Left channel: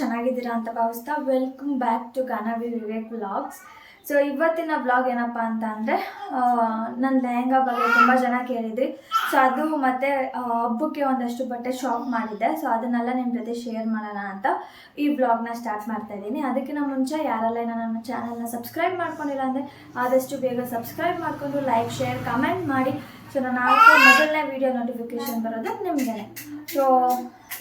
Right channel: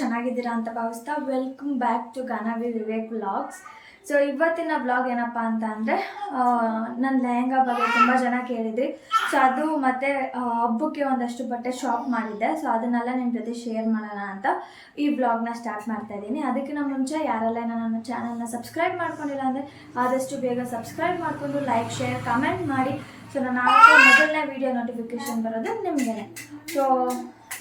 ಚೆನ್ನಾಗಿದ್ದೀರಾ ಅಂತ ಭಾವಿಸ್ತಾ welcome back to Gaanavi Vivek vlogs so ಇವತ್ತಿನ ಬ್ಲಾಗ್ ಏನಪ್ಪ ಅಂತ ಅಂದರೆ ನನ್ನ ಲೆಹಂಗಾ ಬಗ್ಗೆ ತುಂಬ ಜನ ಕೇಳಿದ್ರಿ. ಸೊ ಅದು ಮತ್ತು ಹಬ್ಬಕ್ಕೆ ಒಂದಷ್ಟು ಬಟ್ಟೆ ಶಾಪ್ ಮಾಡಿದ್ದೆ. ಸೊ ಅದನ್ನೆಲ್ಲ ನಿಮ್ಮ ಜೊತೆ ಶೇರ್ ಮಾಡೋಣ ಅಂತ ಈ ವ್ಲಾಗ್ನ ಸ್ಟಾರ್ಟ್ ಮಾಡ್ತಾ ಇದ್ದೀನಿ. ಅದಕ್ಕಿಂತ ಮುಂಚೆ ಯಾರೆಲ್ಲ ನನ್ನ ಚಾನಲ್ನ ಸಬ್ಸ್ಕ್ರೈಬ್ ಮಾಡ್ಕೊಂಡಿಲ್ಲ ಅಂದರೆ, ಆದಷ್ಟು ಬೇಗ ಸಬ್ಸ್ಕ್ರೈಬ್ ಮಾಡಿಕೊಂಡು ಲೈಕ್ ಶೇರ್ ಕಮೆಂಟ್ ಮಾಡಿ. ಸೊ ನಾನು ಮೊದಲನೇ ವೀಡಿಯೋ ನೋಟಿಫಿಕೇಶನ್ ಬರೋದು ನಿಮಗೇನೆ. ಸೊ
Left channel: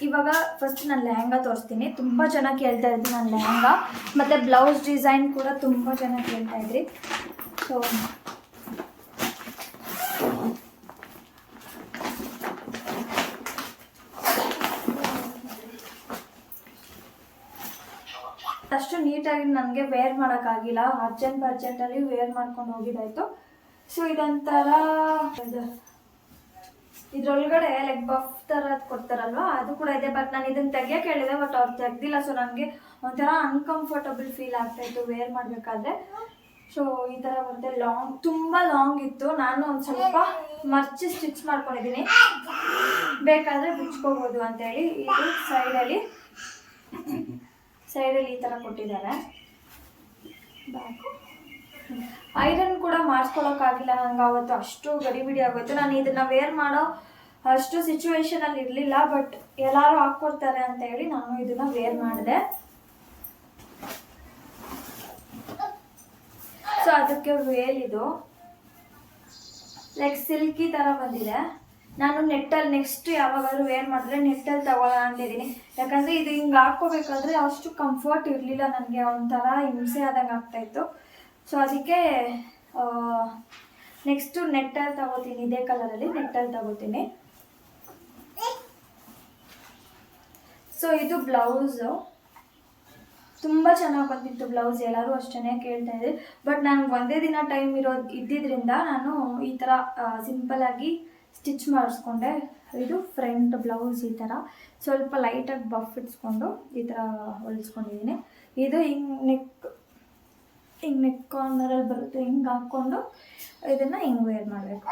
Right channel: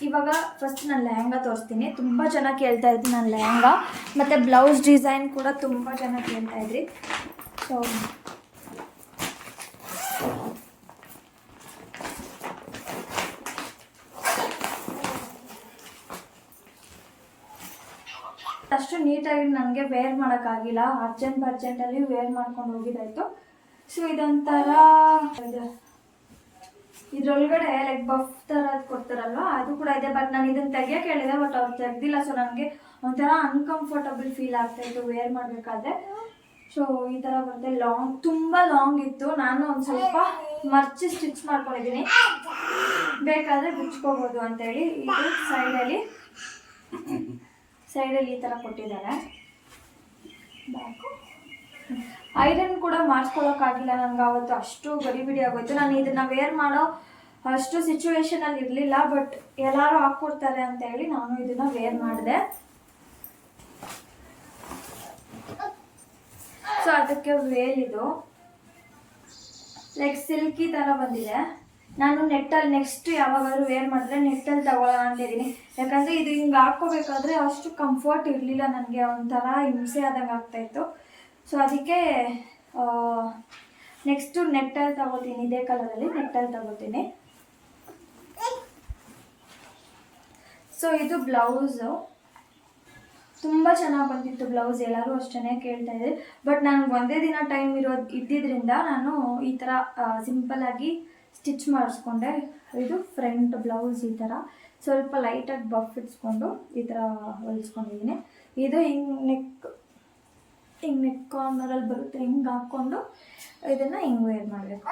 ಇವಾಗ ಫಸ್ಟ್ ನಾನು ಲೆಹಂಗಾ ತೋರಿಸ್ತೀನಿ. ತುಂಬ ಚೆನ್ನಾಗಿ ಕೇಳ್ತಾ ಇದ್ರಿ ನಾನು ಲೆಹಂಗಾ. ಮತ್ತು ಬ್ಲೌಸ್ ಡಿಸೈನ್ ಕೂಡ ತುಂಬ ಚೆನ್ನಾಗಿ ಕೇಳ್ತಾ ಇದ್ರಿ. ಸೊ ಅಷ್ಟು ನೀಟಾಗಿ ನನಗೆ ವೇರ್ ಮಾಡೋಕ್ಕಾಗಿಲ್ಲ ಅರ್ಜೆಂಟ್ ಅರ್ಜೆಂಟಲ್ಲಿ ವೇರ್ ಮಾಡ್ಕೊಂಡು ಹೋಗಿದ್ದಾಯಿತು. ಸೊ ಇದೊಂಥರ ಇದು. ಇದ್ರೊಳಗಡೆ ಲೈಕ್ ಬಫ್ ಥರ ಕೊಡ್ತಾರಲ್ವಾ? ಅದು ಕೂಡ ಇದೆ. ಬಟ್ ನಾನು ಇದನ್ನ ತೆಗಿಯೋಕೆ ಹೇಳಿದೆ ಬಟ್ ಅವ್ರು ತೆಗ್ದಿಲ್ಲ. ಸೊ ನನಗೆ ಒಂಥರ ಅನ್ಕಂಫರ್ಟಬಲ್ ಫೀಲ್ ಆಗ್ತಾ ಇತ್ತು ವೇರ್ ಮಾಡಬೇಕಾದ್ರೆ. ಸೊ ಈ ಥರ ಬರುತ್ತೆ. ಲಾಂಗ್ ತುಂಬ ಲಾಂಗ್ ಇತ್ತು. ನಾನು ಒಂದು ಸ್ವಲ್ಪ ಮರ್ಚಿ ಸ್ಟಿಚ್ ಮಾಡ್ಕೊಂಡಿದ್ದೀನಿ ಬೇಕಾದರೆ ಬಿಚ್ಕೋಬೋದು ಅಂತೇಳಿ ಇದು ಸೈಡಲ್ಲಿ ಸೈಡಲ್ಲಿ ಈ ಥರ ಕೊಟ್ಟಿದ್ದಾರೆ. ಐರನ್ ಕೂಡ ಮಾಡಿಸ್ಕೊಳಕ್ಕಾಗಿಲ್ಲ. ನನಗೆ ಅವತ್ತು ಅಷ್ಟು ಗಡಿಬಿಡಿ ಆಗೋಯ್ತು ನಾನು ಇದನ್ನ ವೇರ್ ಮಾಡೋ ಅಷ್ಟು ಸಿಚುವೇಶನಲ್ಲಿ ಇರಲಿಲ್ಲ ಬಟ್ ಎಲ್ಲರೂ ಹಾಕ್ಕೊಡ್ತಾರೆ ಅಂತ ಹೇಳಿ ನಾನು ಇದನ್ನ ವೇರ್ ಮಾಡಿದೆ. ಸೊ ಅದಕ್ಕೆ ವೇಲ್ ಇದು. ಲೈಕ್ ಸಿಲ್ಕಿ ಥರ ಬಂದಿದೆ. ನಾನು ನೆಟ್ಟಲ್ಲಿ ನೆಕ್ಸ್ಟ್ ಯಾವಾಗಾದ್ರೂ ವೇರ್ ಮಾಡಿದ್ರೆ ನೆಟ್ಟಲ್ಲಿ ತಗೊಳ್ಳೋಣ ಅಂತ ಇದೀನಿ ಯಾಕಂದರೆ ಇದು ಹಿಂಗೆ ಹಾಕ್ಕೋಬೇಕಾದ್ರೆ ಅಷ್ಟು ಕಂಫರ್ಟ್ ಇರಲಿಲ್ಲ ನನಗೆ ಒಂಥರ ಹಿಂಸೆ ಆದಂಗೆ ಆಗ್ತಾಯಿತ್ತು ಸೊ ಅದಕ್ಕೆ ನೆಕ್ಸ್ಟು ನೆಟ್ಟಲ್ಲಿ ತಗೋತೀನಿ. ಇದೇ ಕಲರಲ್ಲಿ ನೆಟ್ಟಲ್ಲಿ ತಗೋತೀನಿ. ಸೊ ಇದು ಬ್ಲೌಸು ತುಂಬ ಚೆನ್ನಾಗಿ ಬಂದಿತ್ತು ಬ್ಲೌಸ್ ಎಲ್ಲರೂ ಅಷ್ಟೇ ಕೇಳ್ತಾ ಇದ್ದೆ ಬಟ್ ನನಗೆ ಒಂದೇ ದಿನ ಟೈಮ್ ಇರೋದು ಇದ್ದಿದ್ದರಿಂದ ನಾನು ಈ ಥರ ಸಿಂಪಲಾಗಿ ಸ್ಟಿಚ್ ಮಾಡಿಸ್ಕೊಂಡೆ. ಇದು ಫ್ರಂಟ್ ಬ್ಲೌಸ್ ಈ ಥರ ಸ್ವಲ್ಪ ಲೈಟಾಗಿ ಬಫ್ ಇಟ್ಸ್ಕೊಂಡು ಈ ಥರ ಹೊಲಿಸ್ಕೊಂಡಿದ್ದೀನಿ. ಇದು ಹಿಂಗೆ ನೆಕ್ ಹಿಂಗೆ ನೆಕ್ ಕಾರ್ನರಲ್ಲಿ ಬರುತ್ತೆ, ಹಿಂಗೆ ಹಾಕ್ಕೊಂಡು ಇದನ್ನು ಹಿಂಗೆ ವೇರ್ ಮಾಡಬೇಕು.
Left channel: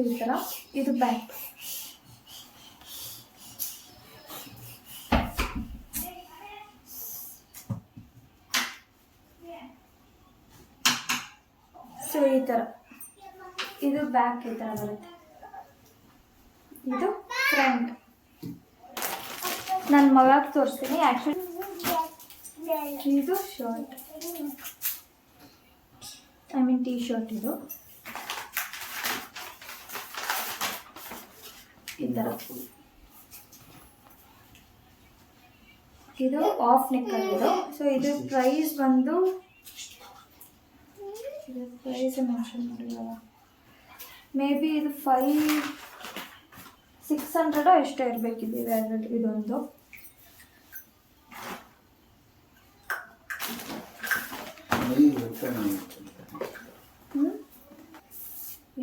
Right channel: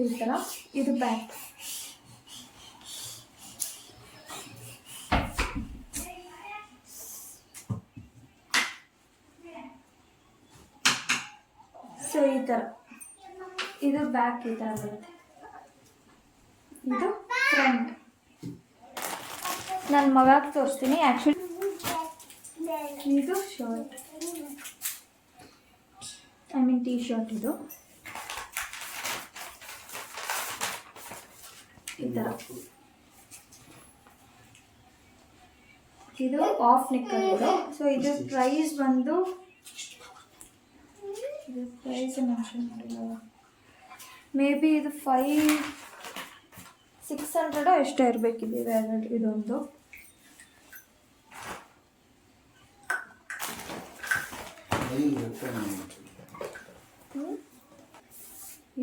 ಈ ಥರ ಇದು ಬ್ಯಾಕ್ ಸೊ ಈ ಥರ ಇದು ಬ್ಯಾಕ್ ಈ ಥರ ಬರುತ್ತೆ. ಇದು ಫ್ರಂಟ್ ನನ್ನ ಮಗಾಗ ತೋರಿಸ್ತೀನಿ ಆ್ಯಕ್ಚುಲಿ ಇದು shirt I mean T shirt ಇದು. ಈ ಥರ ಇದು ಆಫ್ ಇದು. ಸೊ ಇದು ಪ್ರೈಸ್ ಬಂದು ಇದು ಪ್ರೈಸ್ ಮೆನ್ಷನ್ ಮಾಡಿಲ್ಲ ಮೇ ಬಿ ಇದು ಫೈವ್ ಸಿಕ್ಸ್ ಹಂಡ್ರೆಡೋ ಎಷ್ಟೋ ಇರಬೇಕಿದೆ ಇದೊಂದು.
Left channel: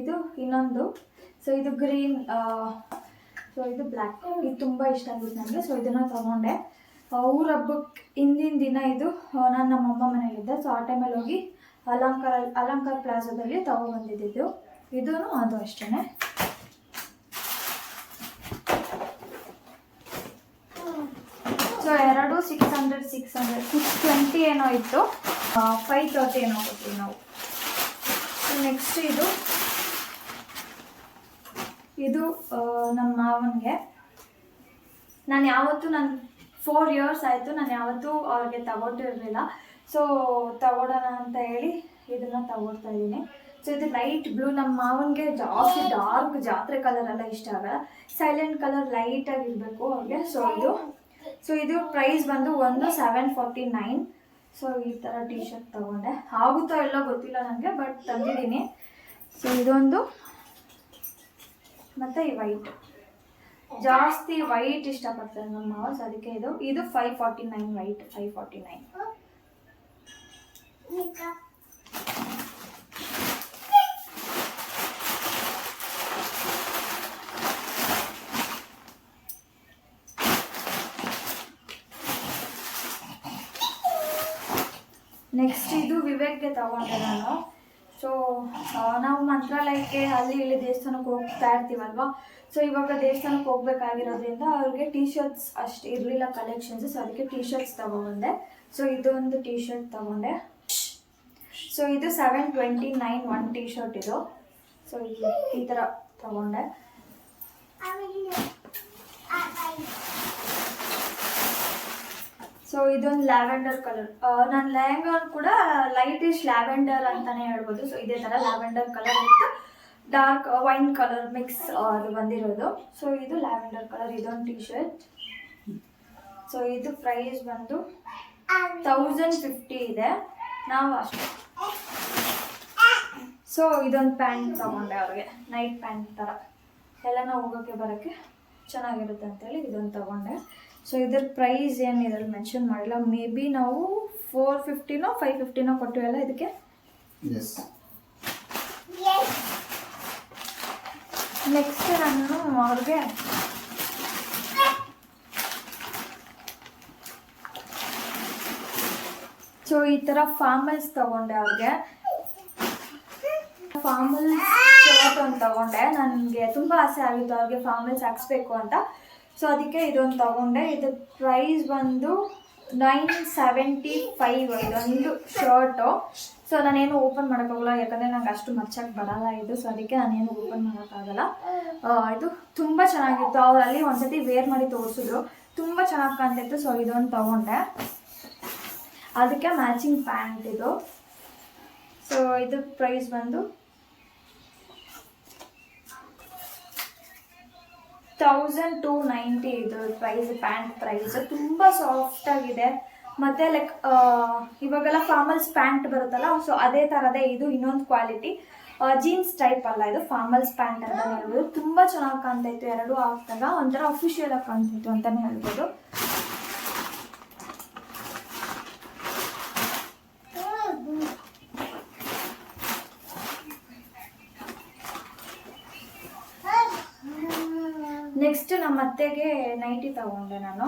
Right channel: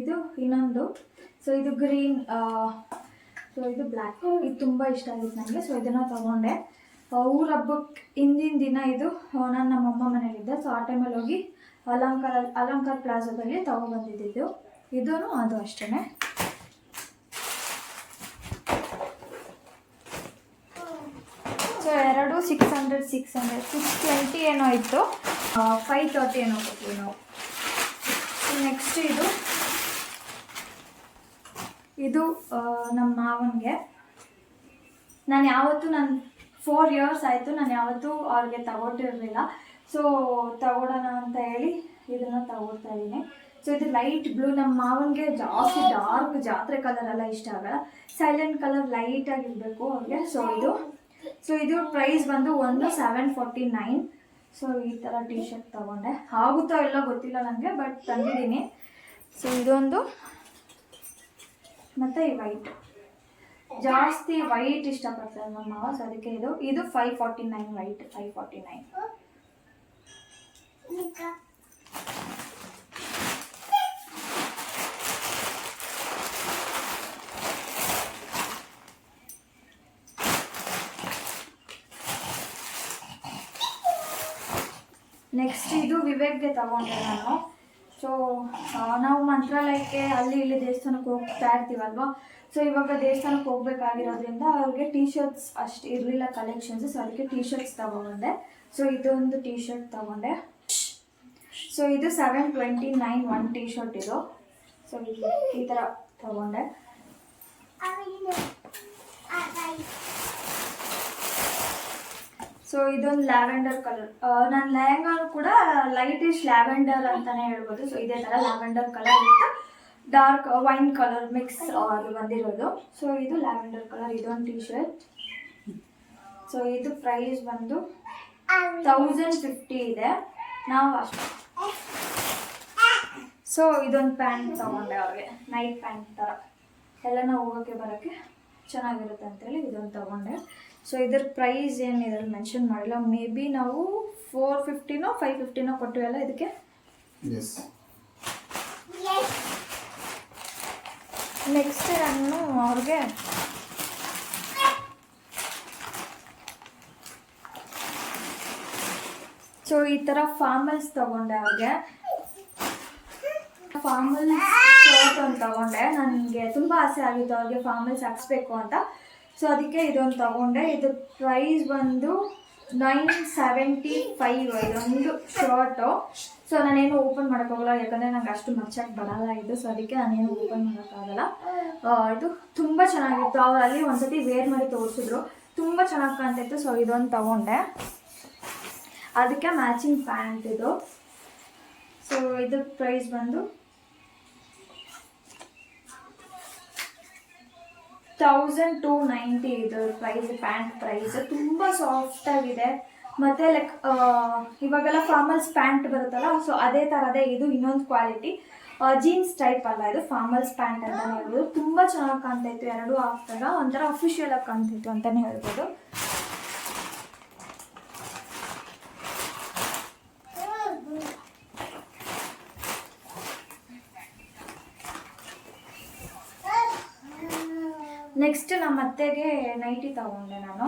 ಇದು ಇನ್ನೊಂದು. ಸೊ ಇದು ಗ್ರೀನ್ ಸೊ ಇದು ಬ್ಲ್ಯಾಕ್ ಇದು ತುಂಬ ಇಷ್ಟ ಆಗಿತ್ತು ನನಗೆ ಸೊ ಇದನ್ನು ತಗೊಂಡೆ. ಊರ ಹಬ್ಬಕ್ಕೆ ಹಿಂದಿನ ದಿನ ಇದು ನಾನು ನಮ್ಮ ಅಮ್ಮ ಮನೇಲಿದ್ದೆ ಸೊ ಆ ಟೈಮಲ್ಲಿ ಹೋಗಿ ಅಲಂಕಾರ ಅಲಂಕಾರ ಪ್ಲಾಜಾದಲ್ಲಿ ತಗೊಬಂದಿದ್ದು ಇದೂ ಅದು ಅಷ್ಟೇ ಸೊ ಎರಡು six hundred six hundred six twenty ಏನೋ ಇತ್ತು. ಫೈವ್ ತರ್ಟಿ ಏನೋ ನಾವು? ನೆಕ್ಸ್ಟ್ ಇದು ಇದು ನಮ್ಮ ಮಾವನಿಗೆ. ನಾನು ಯಾವತ್ತೂ ನಾನು ಫೋರ್ ಇಯರ್ಸ್ ಆಯಿತು, ನಾನು ಯಾವತ್ತೂ ಅವ್ರಿಗೆ ತಗೊಂಡಿರಲಿಲ್ಲ. ಸೊ ತಗೊಳ್ಳೋಣ ಅಂತ ಹೇಳಿ ಇದನ್ನು ತಗೊಳ್ತಾ ಇದ್ದೀನಿ ಸೊ ಇದು ಲೈಟ್ ಬ್ಲೂ ನಮ್ಮ ಮಾವನಿಗೆ ಜಾಸ್ತಿ ಡಾರ್ಕ್ ಜಾತ್ರೆ ಕಲರ್ ಎಲ್ಲ ಇಷ್ಟ ಆಗಲ್ಲ. ಸೈಲೆಂಟ್ ಕಲರ್ ಲೈಟಾಗಿರಬೇಕು ಅವ್ರಿಗೆ. ಸೊ ಇದು ಸೊ ಇದು ಪ್ರೈಸ್ ಬಂದು ಒಂದು ಸೆವೆನ್ ಫಾರ್ಟಿ ನೈನ್ ಸೊ ಈ ಥರ ಟೀ ಶರ್ಟ್ ತೊಗೊಂಡೆ. ಆಗುತ್ತೋ ಎಲ್ಲೋ ಗೊತ್ತಿಲ್ಲ ನನಗೆ ಬಟ್ ತಂದಿದ್ದೀನಿ. ಸೊ ಇದೊಂದು ಮತ್ತು ಈ ವೈಟ್ ಜಾಸ್ತಿ ವೈಟ್ ಇಷ್ಟಪಡ್ತಾರೆ ನಮ್ಮ ಮಾವ ಸೊ ಅದಕ್ಕೆ ಇದು. ಇದು five forty nine white five forty nine next ಇದು ವಿವೇಕ್ಗೆ ತಗೊಂಡೆ ನಾನು. ಸೊ ನಾವು ಮಂತ್ರಾಲಯಕ್ಕೆ ಅಲ್ಲಿ ಇಲ್ಲಿ ದೇವಸ್ಥಾನಕ್ಕೆ ಹೋಗ್ತಾ ಇರ್ತೀವಲ್ವ? ಸೊ ಇವಾಗ ದೇವಸ್ಥಾನಕ್ಕೆ ಹೋಗ್ಬೇಕಾಗಿರೋದ್ರಿಂದ ಅವ್ರಿಗೆ ಟೀ ಶರ್ಟ್ಸ್ ಅಷ್ಟು ಇರಲಿಲ್ಲ ಕಲೆಕ್ಷನ್ಸ್ ಸೊ ಅದಕ್ಕೆ ಟೀ ಶರ್ಟ್ಸ್ ತಗೊಂಡೆ. ಸೊ ಇದೊಂದು ಟೀ ಶರ್ಟ್ ತಗೊಂಡೆ. ಸೊ ಇದು seven twenty nine one T shirt ಇದು. ಸೊ ಈ ಥರ ತಗೊಂಡೆ. ಸೊ ಇದೊಂದು ಲ್ಯಾವೆಂಡರ್ ಕಲರ್ ನನ್ನ ಲೆಹಂಗಾ ಕೂಡ ಲೈಟಿಶ್ ಲ್ಯಾವೆಂಡರ್ ಅಂತಾನೆ ಹೇಳ್ಬೋದು. ಸೊ ಇದೇ ಥರ ಲ್ಯಾವೆಂಡರ್ ಕಲರ್ ಇತ್ತು ಡಾರ್ಕ್ ವೈನ್ ಕಲರ್ ಮಿಕ್ಸ್ ಅಲ್ಲಿ ಬಂದಿರೋದು. ಸೊ ಇದು ಲ್ಯಾವೆಂಡರ್ ಕಲರ್ ಇದೊಂದು ಟಿ ಶರ್ಟ್ ಸೊ ಇದು ಪ್ರೈಸ್ ಬಂದು ತೌಸಂಡ್ ಫಿಫ್ಟಿ ಇದೆ. ನಾವು ಅಷ್ಟೇ. ಸೊ ಇದೊಂದು ಪ್ಯಾಂಟ್ ತಗೊಂಡೆ ಅವ್ರಿಗೆ. ನೈಟ್ ಪ್ಯಾಂಟ್ ಥರ ಎಲ್ಲ ನಾವು ಹೋಗೋಕ್ಕೆ ಬರೋಕ್ಕೆ ಚೆನ್ನಾಗಿರುತ್ತೆ ಅಂತೇಳಿ ಇದೊಂದು ತಗೊಂಡೆ. ಸೊ ಇದ್ರ ಪ್ರೈಸ್ ಏನು ಇದ್ರಲ್ಲಿ ಮೆನ್ಷನ್ ಮಾಡಿಲ್ಲ. ಮೇ ಬಿ ನಾವು ಫೋರ್ ಫಿಫ್ಟಿನೋ ಫೈವ್ ಫಿಫ್ಟಿನೋ ಕೊಟ್ಟಿವಲ್ಲ ಇದಕ್ಕೆ? ನೆಕ್ಸ್ಟ್ ನಾನು ಅವ್ರಿಗೆ ಸೊ ಈ ಥರ ಫಾರ್ಮಲ್ಸ್ ತಗೊಂಡೆ ಅವ್ರಿಗೆ. ಫಾರ್ಮಲ್ಸ್ ಶರ್ಟ್ ಒಂದು ತಗೊಂಡೆ. ನನಗೆ ತುಂಬ ಆಸೆ ಆಗಿತ್ತು ಅವ್ರಿಗೆ ಫಾರ್ಮಲ್ಸ್ ಹಾಕ್ಸ್ಬೇಕು ಅಂತ. ಸೊ ಅದಕ್ಕೆ ಇದೊಂದು ತಗೊಂಡೆ. ಇದು ಪ್ರೈಸ್ ಬಂದು ನೈನ್ ಸೆವೆಂಟಿ ಫೈವ್ ಇದೊಂದು ಶರ್ಟು ಸೊ ನಾನೇನು ಓಪನ್ ಮಾಡೋಕ್ಕಾಗಲ್ಲ ಯಾಕಂದರೆ ನಂಗೆ ಅಷ್ಟು ಮಚ್ಚಕ್ಕೆ ಬರಲ್ಲ ಇದು. ಸೊ ಅದಕ್ಕೆ ನಾನೇನು ಓಪನ್ ಮಾಡೋಕ್ಕಾಗಲ್ಲ ಇದು ತುಂಬ ಚೆನ್ನಾಗಿತ್ತು. ಅವ್ರು ಅಲ್ಲಿ ಒಂದ್ಸತಿ ವೇರ್ ಮಾಡಿ ತೋರಿಸಿದ್ರು. ತುಂಬ ಚೆನ್ನಾಗಿ ಕಾಣ್ತಿತ್ತು. ಸೊ ಇದೊಂದು ತಗೊಂಡೆ. ಅದಕ್ಕೆ ಮ್ಯಾಚಿಂಗ್ ಪ್ಯಾಂಟ್ ಇದು. ಸೊ ಇದ್ರ ಪ್ರೈಸ್ ಬಂದು ತೌಸಂಡ್ ಟು ನೈಂಟಿ ಇದು ಪ್ರೈಸ್ ಪ್ಯಾಂಟ್ ಪ್ರೈಸ್ ತುಂಬ ಸಾಫ್ಟ್ ಆಗಿದೆ. ಮತ್ತೆ ಲೈಕ್ ಇವಾಗೆಲ್ಲ ಫಾರ್ಮಲ್ಸ್ ಪ್ಯಾಂಟ್ ಬರುತ್ತಲ್ಲ ಸೊ ಅದೇ ಥರದೇ ಇದು ಇನ್ನೊಂದು ಕ್ವಾಲಿಟಿ ಜೀನ್ಸ್ ಟೈಪ್ ಅಲ್ಲ ಇದು ಫಾರ್ಮಲ್ಸ್ ಪ್ಯಾಂಟ್ ಅಂತಲೇ ಹೇಳ್ಬೋದು. ತುಂಬ ಚೆನ್ನಾಗಿ ಕಾಣ್ತಾ ಇತ್ತು, ಎರಡೂ ಹಾಕ್ದಾಗ ಒಂಥರ ಅಫಿಷಿಯಲ್ ಆಗಿ ಕಾಣ್ತಿತ್ತು ಅಂತಲೇ ಹೇಳ್ಬೋದು ನೆಕ್ಸ್ಟ್ ನಮ್ಮ ಅತ್ತೆಗೆ ನೈಟಿ ತಗೊಂಡೆ ನಾನು.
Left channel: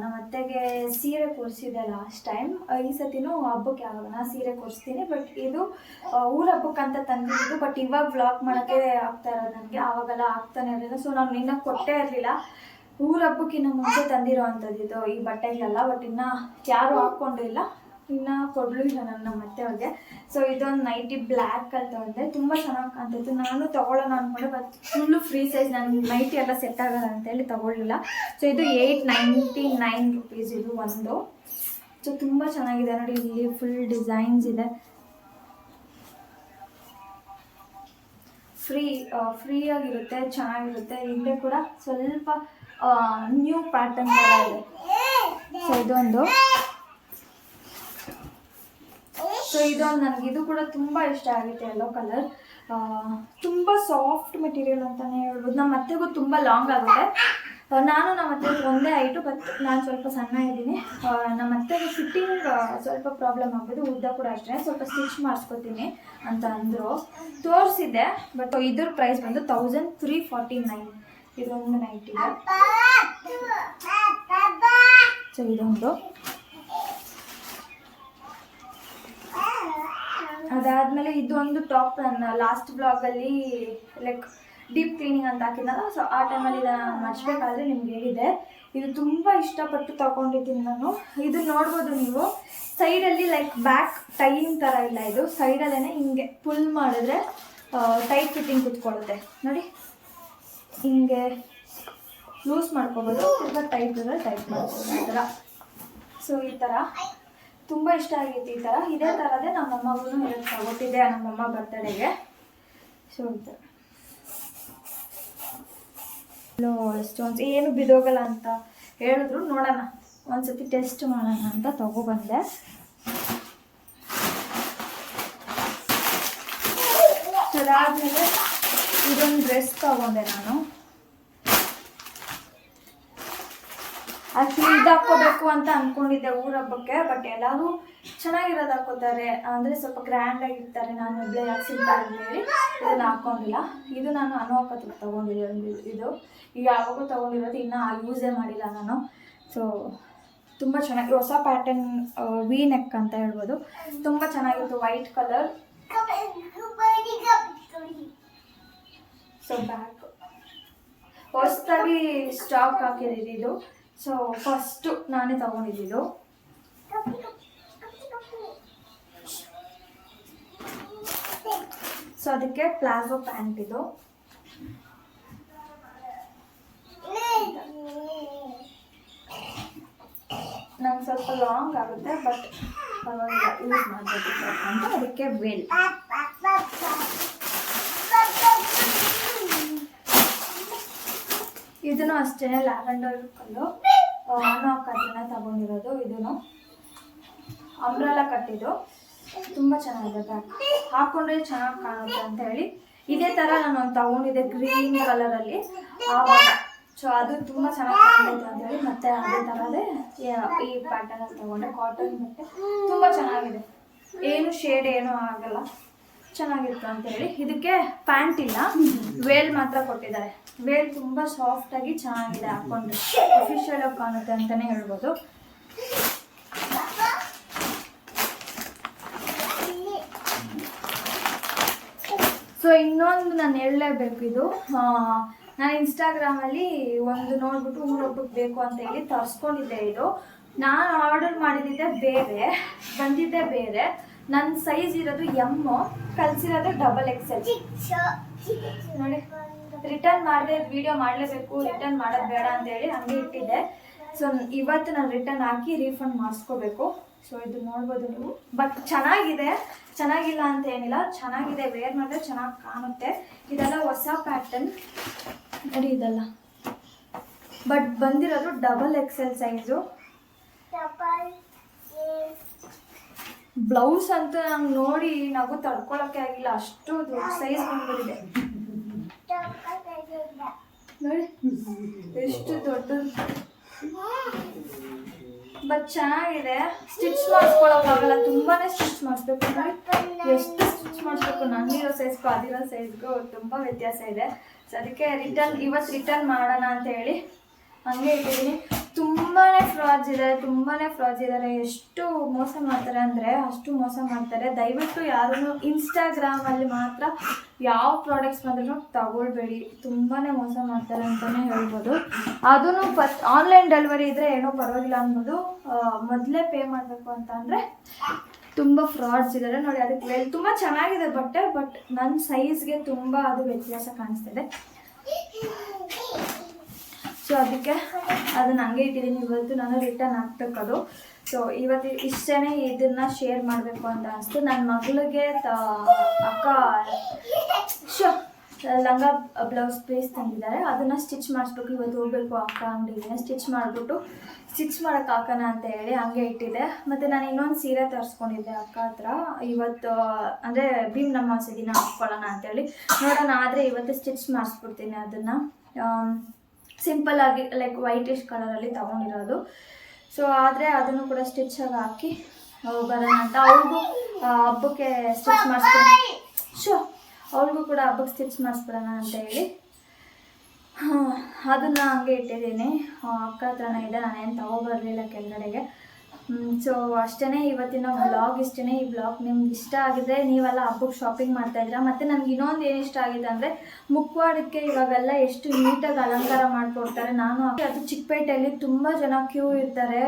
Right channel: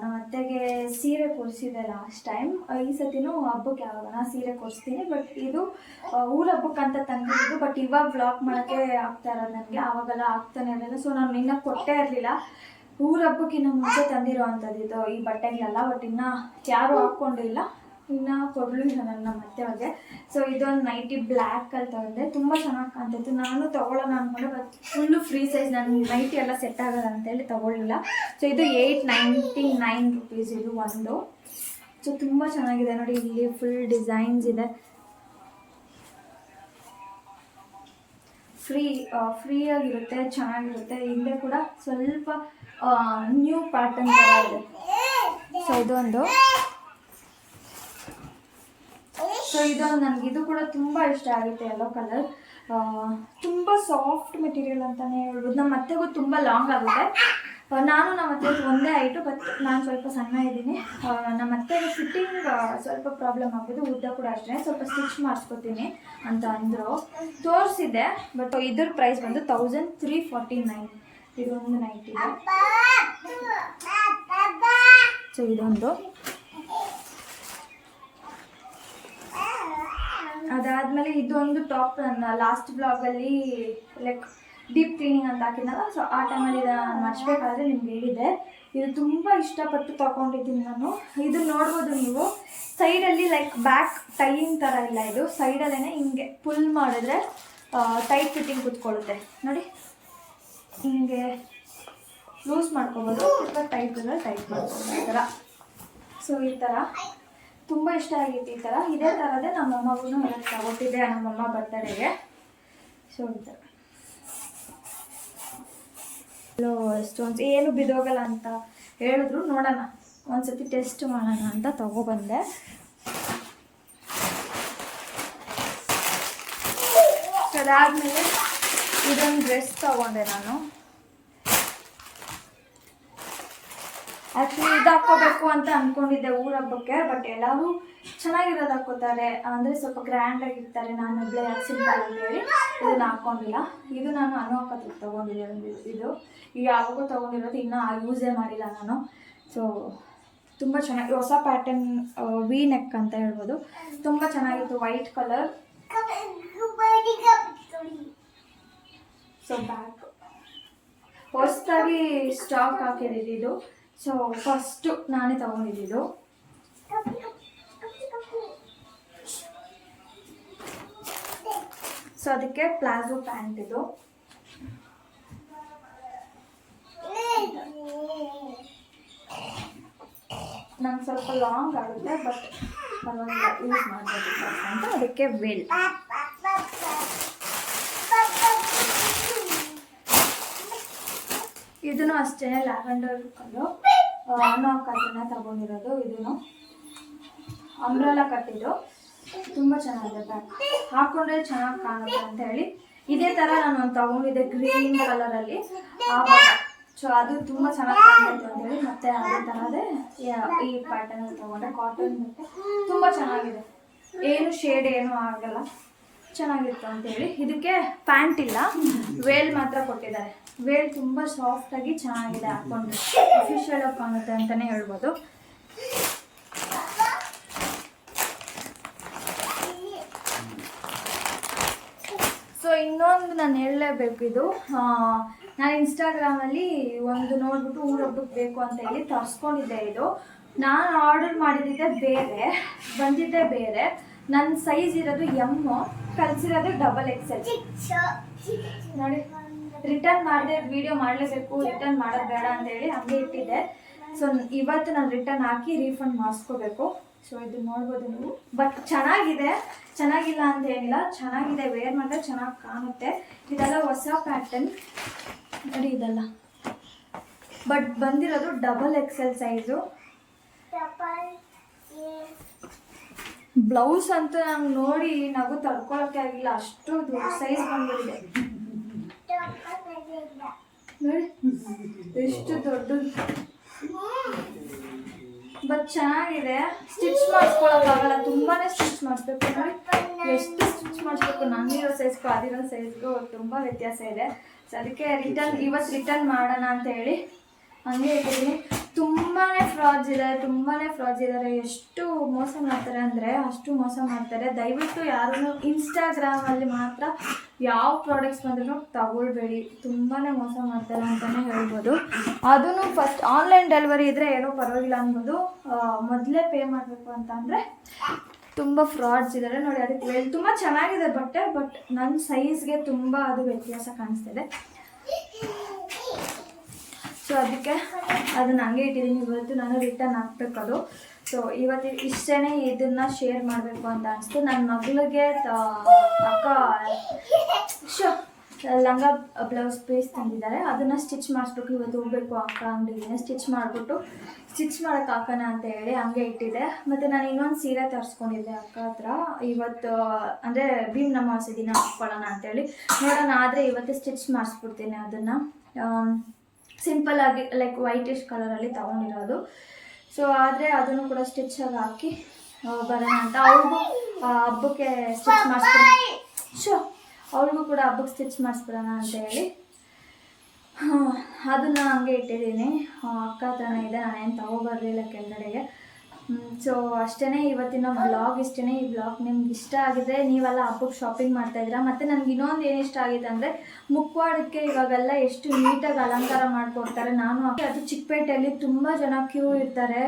ನಮ್ಮ ಅತ್ತೆಗೆ ಸೀರೆ ಕೊಡಿಸಿದೆ ಲಾಸ್ಟ್ ಟೈಮ್ ಈ ಸತಿನೂ ಹಬ್ಬಕ್ಕೆ ಯಾವಾಗ ಸೀರೆ ಕೊಡಿಸ್ತೀನಿ. ಬಟ್ ಇದು ಊರ ಹಬ್ಬಕ್ಕಂತ ತಂದಿದ್ದು ಬಟ್ ಇವಾಗ ಬ್ಲಾಗ್ ಮಾಡೋಕ್ಕೆ ಆಗ್ತಾ ಇರೋದು ನನಗೆ. ಆವಾಗೆಲ್ಲ ಆಗ್ತಾನೆ ಇರಲಿಲ್ಲ. ಸೊ ನಾನು ಇನ್ನೂ ಕೊಟ್ಟೇ ಇರಲಿಲ್ಲ. ಊರ ಹಬ್ಬಕ್ಕಿನ್ನ ಮುಂಚೆ ತಂದಿರೋ ಅಂಥದ್ದು ಇದು ಈ ಬಟ್ಟೆಗಳೆಲ್ಲ. ಬಟ್ ಇನ್ನೂ ಯಾರೂ ಹಾಕ್ಕೊಂಡಿಲ್ಲ. ಇನ್ನು ಕೊಡ್ಲು ನನ್ನ ಮತ್ತೆ ಅವ್ರಿಗೆ ಸೊ ಇದೊಂದು ನೈಟಿ ಬ್ಲ್ಯಾಕ್ ಅಲ್ಲಿ ತಗೊಂಡೆ. ತುಂಬ ಚೆನ್ನಾಗಿ ಕಾಣ್ತಿತ್ತು. ನಾನು ತಗೊಳ್ಳೋಣ ಅಂದ್ಕೊಂಡೆ ಬಟ್ ಫುಲ್ಲು ಫ್ರೀ ಸೈಜ್ ನನ್ನ ನೈಟಿ ಎಲ್ಲ ಸೆಟ್ ಆಗಲ್ಲ ಅಂತೇಳಿ ತಗೊಳ್ಳಿಲ್ಲ. ಸೊ ಇದು ಏಯ್ಟ್ ನೈಂಟಿ ನೈನ್ ರುಪೀಸ್ ಇದು ಒಂದು. ಸೊ ತುಂಬ ಚೆನ್ನಾಗಿದೆ ನೋಡಿ. ಇಲ್ಲಿ ಫುಲ್ ಡಿಸೈನ್ಸ್ ಇದೆ. ಫ್ರೀ ಫ್ರೀಯಾಗಿರುತ್ತೆ ಚೆನ್ನಾಗಿರುತ್ತೆ. ಹಿಂದೆ ಕೂಡ ಸ್ವಲ್ಪ ನ್ಯೂ ಪ್ಯಾಟರ್ನ್ ಥರ ಇದೆ. ಸೊ ಇದೊಂದು. ಸೊ ಇದೊಂದು ನನಗೆ ಇದು ಕೂಡ ತುಂಬ ಇಷ್ಟ ಆಗುತ್ತೆ ಎಲ್ಲೋ ಕಲರ್ ತುಂಬ ಸಾಫ್ಟ್ ಮೆಟೀರಿಯಲ್ ಅಂತಲೇ ಹೇಳ್ಬೋದು. ನಮ್ಮ ಅತ್ತೆಗೂ ತುಂಬ ಲಾಂಗ್ ಆಗುತ್ತೆ. ನಾನು ನಮ್ಮ ಅತ್ತೆ ಒಂದೇ ಆಯಿತು ಬಟ್ ನಾನು ಸ್ವಲ್ಪ ಸಣ್ಣ ಇದ್ದೀನಿ. ನಮ್ಮ ಅತ್ತೆಗೆ ಫಿಟ್ಟಿಂಗ್ ಸ್ವಲ್ಪ ಪ್ರಾಬ್ಲಮ್ ಆಗ್ಬೋದು. ಉದ್ದ ಕೂಡ ಅಷ್ಟೇ. ಸ್ವಲ್ಪ ಸ್ಟಿಚ್ ಮಾಡಿಸ್ಕೊತೀನಿ ಅಂತ ಅಂದರು. ತೋರಿಸಿದ್ದೆ ಬಟ್ ಇದ್ರ ಪ್ರೈಸ್ ಬಂದು ತೌಸಂಡ್ ತ್ರೀ ಫಾರ್ಟಿ ನೈನ್ ಇದೊಂದು ನೈಟ್ ಇದೆ ಸೊ ಇದೊಂದು. ಅದಾದಮೇಲೆ ಇದೊಂದು ಟಾಪ್ ನನ್ನ ಲಾಸ್ಟ್ ಬ್ಲಾಗಲ್ಲಿ ಲೈಕ್ ಡೀಪ್ ಕ್ಲೀನಿಂಗ್ ಅಂತ ಹಾಕಿದ್ನಲ್ಲ ಸೊ ಆ ಟೈಮಲ್ಲಿ ನಾನು ಮರ್ಚ್ಬೇಕಾದ್ರೆ ನಿಮ್ಗೆ ಹೇಳಿದೆ ಇದು ತುಂಬ ಇಷ್ಟಪಟ್ಟು ತಗೊಂಡಿದ್ದೀನಿ ನಾನು. ಇದು ನೋಡ್ಬೋದು ನೀವು. ಸೈಡಲ್ಲಿ ಲೈಕ್ ಬ್ಯಾಕ್ ಟೈಯಿಂಗ್ ಥರ ಇಲ್ಲ ಇದು. ಸೈಡಲ್ಲೇ ಹಿಂಗೆ ಪುಲ್ ಮಾಡಿದ್ರೆ ಟೈಟ್ ಫಿಟ್ಟಿಂಗ್ ಕುತ್ಕೊಳ್ಳುತ್ತೆ. ನೋಡಿ. ಹಿಂಗೆ ಲೂಸ್ ಮಾಡ್ಕೋಬೋದು. ಅಥವಾ ಟೈಟ್ ಇದ್ರೆ ಟೈಟ್ ಮಾಡ್ಕೋಬೋದು ಈ ಥರ ಸೊ ಈ ಥರ ತುಂಬ ಇಷ್ಟ ಆಗಿತ್ತು ಈ ಥರ ಇದೇ ಥರದೇ ನಮ್ಮಮ್ಮಗೂ ಇವತ್ತು ತಗೊಟ್ಟಿದ್ದೆ ನಮ್ಮಮ್ಮ ಬರ್ತಡೆಗೆ ಸೊ ಅಂತ. ಸ್ಟೋನ್ಸ್ ಏನು ಬಿದೋಗಲ್ಲ ಅಂತ ಹೇಳಿದ್ರು. ನೋಡೋಣ. ಒಂದ್ಸತಿ ಟೆಸ್ಟ್ ಮಾಡೋಣ ಅಂತ ತಗೊಬಂದೆ ಅದಾದಮೇಲೆ ಇದೊಂದು ಡ್ರೆಸ್ ತಗೊಂಡೆ ನಾನು. ಆ್ಯಕ್ಚುಲಿ ಇದು ಹಾಕ್ಕೋಬೇಕು ಅಂತ ಅಂದ್ಕೊಂಡಿದ್ದೆ ಊರ ಹಬ್ಬಕ್ಕೆ ಬಟ್ ಎಲ್ಲವೂ ಚೆನ್ನಾಗಿರೋದು ಹಾಕೋತಾರೆ ಅಂದರೆ ಸ್ವಲ್ಪ ಗ್ರ್ಯಾಂಡ್ ಆಗಿರ್ತಾರೆ, ನಾನು ಒಬ್ಬಳೆ ಯಾಕೆ ಸಿಂಪಲ್ ಅಂತೇಳಿ ಇದನ್ನು ಹಾಕ್ಕೊಂಡಿಲ್ಲ. ಇದು ನಾನು ಅನು ಅನುವಾಕಕ್ಕೆ ತೊಗೊಂಡಿರೋದು ಇದು ಈಗ ಯಾವಾಗೂ ತೊಗೊಂಡಿರೋದು ಇನ್ನೂ ಯೂಸೇ ಮಾಡಿಲ್ಲ ನಾನು. ಸೊ ತುಂಬ ಚೆನ್ನಾಗಿ ಹೊಸ ಪ್ಯಾಟರ್ನ್ ವಿ ನೆಕ್ ಅಂತ ಹೇಳ್ಬೋದು. ತುಂಬ ಚೆನ್ನಾಗಿತ್ತು ವೈಟ್ ಕಲರ್ ಸೊ ಬ್ಯಾಕ್ ಹೊಸದಾಗಿ ಸ್ಟಾಕ್ ಹಾಕಿದ್ದು ಸೊ ಫಸ್ಟು ನಾನೇ ತಗೊಂಡಿದ್ದು ಸೊ ಅದಕ್ಕೆ ಪ್ಲಾಜೋ ಪ್ಯಾಂಟ್ ಇದು. ನಂಗೆ ಸ್ವಲ್ಪ ಲಾಂಗ್ ಆಗುತ್ತೆ, ಬಟ್ ಪರವಾಗಿಲ್ಲ, ಯೂಸ್ ಮಾಡಬೇಕು ಅಂತ ಅದಕ್ಕೆ ವೆಲ್. ಇದನ್ನು ಅಷ್ಟೇ ಲ್ಯಾವೆಂಡರ್ ಕಲ್ಲು ಅನೋಕ್ ಕಟ್ಟಿನ ತಗೊಂಡಿರೋದು ಇದನ್ನು ಅಂಬ್ರೆಲ್ಲ ಕಟ್ಟಿದ್ದು. ತುಂಬ ಚೆನ್ನಾಗಿದೆ ಬ್ಯಾಗ್ ಹಾಕೊಂಡ್ರೆ ಚೆನ್ನಾಗಿ ಕಾಣುತ್ತೆ ಅಂತ ಹೇಳಿ. ಇದೇ ಥರ ನಾನು ತಗೊಂಡಿದ್ದೆ ಗ್ರೀನ್ ಕಲರಲ್ಲಿ. ಆವಾಗ ಸೊ ಅದು ತುಂಬ ಚೆನ್ನಾಗಿ ಕಾಣ್ತಿತ್ತು ಅಂತ ಹೇಳಿ ಮತ್ತೆ ಅದೇ ಥರದೇ ಈ ಪ್ಯಾಟರ್ನಲ್ಲಿ ತಗೊಂಡೆ. ಕಾಟನ್ ಮತ್ತೆ. ತುಂಬ ಚೆನ್ನಾಗಿದೆ. ಏನು ಶೇಡ್ ಏನೂ ಆಗಲ್ಲ. ಚೆನ್ನಾಗಿತ್ತು ಅಂತೇಳಿ. ಇದಕ್ಕೆ ಪ್ಯಾಂಟ್ ಇಲ್ಲ. ವೇಲ್ ಮಾತ್ರ ಕೊಟ್ಟಿದ್ದಾರೆ. ವೇಲ್ ತುಂಬ ಸಾಫ್ಟಾಗಿ ಚೆನ್ನಾಗಿದೆ ಹಾಕೊಂಡ್ರೆ. ಅಫಿಷಿಯಲ್ ಆಗಿ ಕಾಣುತ್ತೆ ಅಂತಲೇ ಹೇಳ್ಬೋದು. ಸೊ ಇನ್ನೊಂದು ನಾನು ಹೇಳಲೇಬೇಕು ಇದು. ನಾನು ಇನ್ಸ್ಟಾಗ್ರಾಮಲ್ಲಿ ಒಂದು ನೋಡ್ಬಿಟ್ಟು ಊರೊಬ್ಬಕ್ಕೆ ಬೇಕು ಅಂತ ಹೇಳಿ ತರಿಸ್ಕೊಂಡಿದ್ದೆ ಇದು. ನಾನು ಆರ್ಡರ್ ಮಾಡಿದ್ದೆ ಬೇರೆ. ಬಂದಿದ್ದೆ ಬೇರೆ. ನನ್ನ ಸೈಜ್ ಇರೋದು ಎಮ್ಮು ಕಳಿಸಿರೋದು ಡಬಲ್ ಎಕ್ಸೆಲ್ ನೋಡಿ ರಿಟರ್ನ್ ಮಾಡಿದೆ ವಿಡಿಯೋ ಮಾಡಲೇಬೇಕು ರಿಟರ್ನ್ ಮಾಡೋದು ಬೇಡ ಅಂತ ಹೇಳಿ ಹಂಗೆ ಇಟ್ಟಿದ್ದೆ. ಸೊ ಇವತ್ತು ನಾನು ರಿಟರ್ನ್ ಹಾಕಿ ರೀಫಂಡ್ ಮಾಡಿಸ್ಕೋಬೇಕು. ಸೊ ಇದು ನೋಡ್ಬೋದು ನೀವು. ಬಟ್ ಚೆನ್ನಾಗಿದೆ. ಚೆನ್ನಾಗಿಲ್ಲ ಅಂತ ಏನಿಲ್ಲ. ಚೆನ್ನಾಗಿದೆ. ವೇರ್ ಮಾಡಿದ್ರೆ ಚೆನ್ನಾಗಿ ಕಾಣುತ್ತೆ. ಇದೆಲ್ಲ ಹೊಸ ಪ್ಯಾಟರ್ನ್ ನೋಡಿ ಇದೆಲ್ಲ. ಬಟ್ ಬಂದಿರೋದು ಡಬಲ್ ಎಕ್ಸೆಲ್ ಸೈಜು ಬ್ಲೌಸ್ ಅಂತ ನಂಗೆ ನೋಡಿ ನಗು ತಡ್ಕೊಳಕ್ಕೆ ಆಗಿಲ್ಲ, ಅಷ್ಟು ದೊಡ್ಡ ಸೈಜ್ ಬಂದಿದೆ ನೋಡಿ, ಎಷ್ಟು ದೊಡ್ಡದು. ಬಟ್ ಚೆನ್ನಾಗಿದೆ. ಸ್ಟಿಚ್ ಮಾಡಿಸ್ಕೊಳಕ್ಕಾಗಲ್ಲ ತುಂಬಾನೇ ಸ್ಟಿಚ್ ಮಾಡಿಸ್ಬೇಕು ನೋಡಿ. ಎಷ್ಟು ಸ್ಟಿಚ್ ಮಾಡಿಸ್ಬೇಕು ನನಗಿರೋ ಸೈಜ್ಗೂ ಅದಿರೋ ಸೈಜ್ಗೂ ತುಂಬ ವ್ಯತ್ಯಾಸ ಇದೆ. ಸೊ ಅದಕ್ಕೆ ರಿಟರ್ನ್ ಇವತ್ತು ರಿಟರ್ನ್ ಮಾಡೋಣ ಅಂತ ಹೇಳಿ. ಹಂಗೆ ಇಟ್ಟಿದ್ದೀನಿ ತುಂಬಾ ಫ್ರಾಡ್ಸ್ ಇದ್ದಾರೆ ತುಂಬಾ ಫ್ರಾಡ್ಸ್ ಇದ್ದಾರೆ ಎಷ್ಟು ಮೋಸ ಮಾಡ್ತಾರೆ ಅಂದರೆ, ಅಷ್ಟು ಮೋಸ ಮಾಡ್ತಾರೆ. ದಯವಿಟ್ಟು ಯಾರೂ ಇನ್ಸ್ಟಾಗ್ರಾಮಲ್ಲಿ ಮಾತ್ರ ಯಾವ ಪ್ರಾಡಕ್ಟ್ಸ್ ಬಂದ್ರೂ ತಗೊಳ್ಬೇಡಿ. ತುಂಬಾ ಮೋಸ ಮಾಡ್ತಾರೆ ಅಂತಲೇ ಹೇಳ್ಬೋದು. ಅದನ್ನು ಫಸ್ಟ್ ಆನ್ಲೈನ್ ಡೆಲಿವರಿ ಇದ್ದರೆ ಏನೋ ಪರವಾಗಿಲ್ಲ ಅನ್ಬೋದು. ಮೊದಲೇ ಪೇ ಮಾಡಬೇಕು ಅಂತ ಅಂದರೆ ತುಂಬ ಫ್ರಾಡ್ಸ್ ಇದ್ದಾರೆ ನೋಡಿ, ಅದಕ್ಕೆ ತುಂಬ ಚೆನ್ನಾಗಿದೆ ಬಟ್ಟೆ ಬಟ್ ನನ್ನ ಸೈಜ್ಗೆ ತುಂಬ ಅದು ವ್ಯತ್ಯಾಸ ಕಾಣಿಸ್ತಿದೆ. ಸೊ ಅದಕ್ಕೆ ಅದನ್ನ ಹಂಗೆ ಇಟ್ಟಿದ್ದೀನಿ. ಇವತ್ತು ನಾನು ರಿಟರ್ನ್ ಹಾಕ್ಬೇಕದು. ಸೊ ಇವತ್ತು ಇಷ್ಟೇ ಇದನ್ನ ಶೇರ್ ಮಾಡಬೇಕು ಅಂತ ಅನಿಸ್ತು. ನನ್ನ ಮಗಳಿಗೆ ಅಕ್ಕ ಶೋ ಲಂಗ ಬ್ಲೌಸ್ ಪೀಸ್ ತಂದಿದ್ದಾರೆ. ಅದನ್ನು ಸ್ಟಿಚ್ ಮಾಡಿಸ್ಬೇಕು. ಇವತ್ತು ಹೋಗ್ಬೇಕು ಅಕ್ಕ ಅಂಗಡಿಗೆ. ಸ್ಟಿಚ್ ಮಾಡಿಬಿಟ್ಟು ಸ್ಟಿಚ್ ಮಾಡೋಕೆ ಹಾಕೋಣ ಅಂತ ಹೇಳಿ ಹಂಗೆ ಇಟ್ಟಿದ್ದೆ ಮತ್ತು ನಾನು ಇನ್ನೊಂದು ಸೀರೆ ತರಿಸ್ಕೊಂಡಿದ್ದೆ ಅಕ್ಕ ಹತ್ರ. ಇವತ್ತು, ಅಂದರೆ ಭೀಮ್ ನಮಾಸೆ ದಿನ ಹಾಕ್ಕೊಳ್ಳೋಣ ಅಂತೇಳಿ ನೋಡೋಣ, ಆದರೆ ಇವತ್ತು ಸ್ಟಿಚ್ ಮಾಡಿಸ್ಬಿಡ್ತೀನಿ ಅದನ್ನು. ಸಿಂಪಲ್ ಆಗಿ ಲೈಕ್ ವೈಟಿಶ್ ಕಲರಲ್ಲಿ ತಗೊಂಡಿರೋದು. ಸೊ ಆದರೆ ಅದನ್ನು ಕೂಡ ಸ್ಟಿಚ್ ಆಗಿ ಹಾಕಿ ಬರೋಣ ಅಂತ. ಅವ್ರಿಗೂ ಹಬ್ಬಕ್ಕೆ ಸ್ಟಿಚ್ ಮಾಡಿಸ್ಬಿಡೋಣ ಶೋ ಅವ್ರಿಗೂ ಕೂಡ ಹಬ್ಬಕ್ಕೆ ಸ್ಟಿಚ್ ಮಾಡಿಸ್ಬಿಡೋಣ ಅಂತ ಹೇಳಿ. ಅದನ್ನು ಹಂಗೆ ಇಟ್ಟಿದ್ದೀನಿ. ಅಕ್ಕ ಹತ್ರನೇ ಇದೆ, ನಾನೇನು ತಗೊಬರಲಿಲ್ಲ ಕೆಳಗಡೆಗೆ ಸೊ ಅಷ್ಟೇ ಇವತ್ತಿನ ವ್ಲಾಗ್ ಇಷ್ಟೇ ಈ ವ್ಲಾಗ್ ನಿಮ್ಗೆ ಇಷ್ಟ ಆಗಿದೆ, ನೀವೆಲ್ಲ ಹಬ್ಬಕ್ಕೆ ಶಾಪಿಂಗ್ ಮಾಡ್ತಾ ಇದ್ದೀರಾ? ಮತ್ತು ನನಗೆ ಇನ್ನೊಂದು ಏನು ಇಷ್ಟ ಆಗಿದೆ ಅಂದರೆ ಮುಖವಾಡಕ್ಕೆ ಇವಾಗೆಲ್ಲ ಎಷ್ಟು ನೀಟಾಗಿ ಅಲಂಕಾರ ಮಾಡಿಕೊಡ್ತಾರೆ. ನಾನು ಅದು ಚಿಕ್ಕಪೇಟೆಯಲ್ಲಿ ತುಂಬ ಜನ ಕ್ಯೂ ಇರ್ತಾರೆ.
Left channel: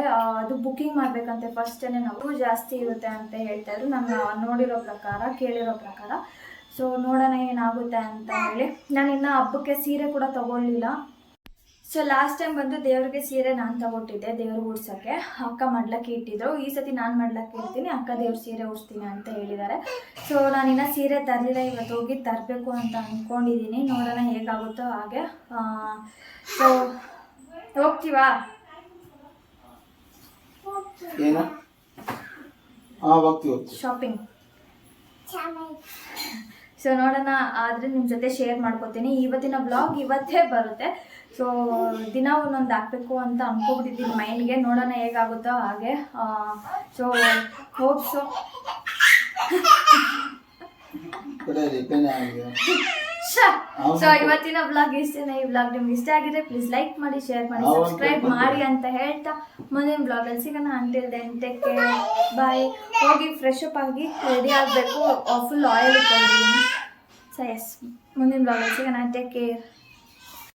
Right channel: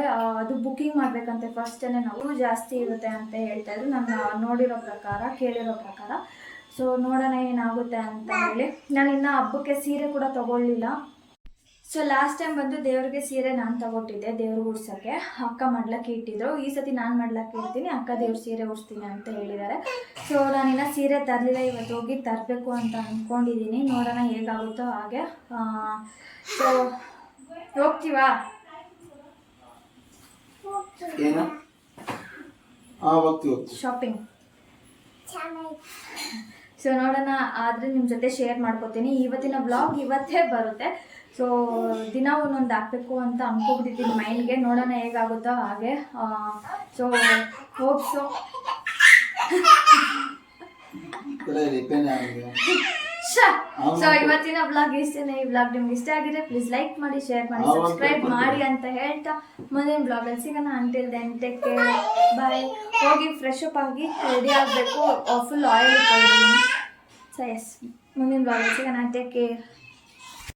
ಅದು ಬುಕಿಂಗ್ ಮಾಡಬೇಕಂತೆ ಫಸ್ಟೇ ನಾವು. ಜಾಸ್ತಿ ಇರುತ್ತೆ ಅಂತ ಹೇಳ್ತಾಯಿದ್ರು ನಾನು ನೋಡಿರೋ ಪ್ರಕಾರ, ಕೇಳಿರೋ ಪ್ರಕಾರ. ಸೊ ನೋಡೋಣ ಏನಾಗುತ್ತೆ ಅಂತ ಹೇಳಿ. ನಾನು ಇನ್ನು ಹಬ್ಬಕ್ಕೆ ಸೀರೆ ಕೂಡ ತಗೊಳ್ಳಿಲ್ಲ. ಸೊ ಲಾಸ್ಟ್ ಟೈಮ್ ಬಂದು ದೇವ್ರಿಗೆ ಸೀರೆ ನಾನು ತಗೊಟ್ಟಿದ್ದೆ ದೇವ್ರಿಗೆ ಉಡ್ಸೋಕ್ಕೆ. ಅಕ್ಕ ಮಾಡ್ಲಕ್ಕೆ ಇಟ್ಟಿದ್ರು. ಈ ಸತಿ ನಾನು ಮಾಡ್ಲಕ್ಕೆ ಇರ್ತೀನಿ ಅಕ್ಕ ದೇವ್ರ ಸೀರೆ ಉಡ್ಸ್ತೀನಿ ಅಂತ ಹೇಳಿದ್ದಾರೆ. ಸೊ ನಾನಿನ್ನ ಸೀರೆ ತರಲಿಲ್ಲ ಇವತ್ತು ಹೋಗಿ ತರಬೇಕು ಅಂತ ಅಂದ್ಕೊಂಡಿದ್ದೀನಿ ನೋಡೋಣ ಹೇಗಾಗುತ್ತೋ ಹಾಗೆ. ಸೊ ಹೋಗ್ತೀವಿ? ಶಾಪಿಂಗ್ ಸೊ ನೋಡೋಣ ಆದರೆ ನಿಮ್ಮ ಜೊತೆ ಶೇರ್ ಮಾಡ್ಕೋತೀನಿ. ಇವತ್ತಿನ ಬ್ಲಾಗ್ ಇವತ್ತೇ ಬರುತ್ತೆ. ಸೊ ದಿನ ಒಂದೊಂದು ಹಾಕ್ಬೇಕು ಅಂತ ಅಂದ್ಕೊಬಿಟ್ಟಿದ್ದೀನಿ ಮೈಂಡ್ಗೆ. ನೋಡೋಣ ಹೇಗಾಗುತ್ತೋ ಹಾಗೆ. ಸೊ ಹೋಪ್ಸು ಸೊ ಇವತ್ತಿನ ಬ್ಲಾಗ್ ಇಷ್ಟೇನೆ ಈ ಬ್ಲಾಗ್ ನಿಮ್ಗೆ ಇಷ್ಟ ಆಗಿದೆ ಪ್ಲೀಸ್ ಲೈಕ್ ಮಾಡಿ ಶೇರ್ ಮಾಡಿ ಸಬ್ಸ್ಕ್ರೈಬ್ ಮಾಡಿ ಅಂತ ಹೇಳ್ತಾ ಮುಂದಿನ ಬ್ಲಾಗಲ್ಲಿ ಸಿಗೋಣ. Until then take care bye ಹೋಗಿ ಫ್ರೆಶ್ ಅಪ್ ಆಗಿ ರೆಡಿ ಆಗಬೇಕು. ಫುಲ್ ಆಯಿಲ್ ಇಟ್ಕೊಂಡಿದ್ದೀನಿ. ಸೊ ಎಸ್ ಮುಂದಿನ ಬ್ಲಾಗಲ್ಲಿ ಸಿಗೋಣ. Take care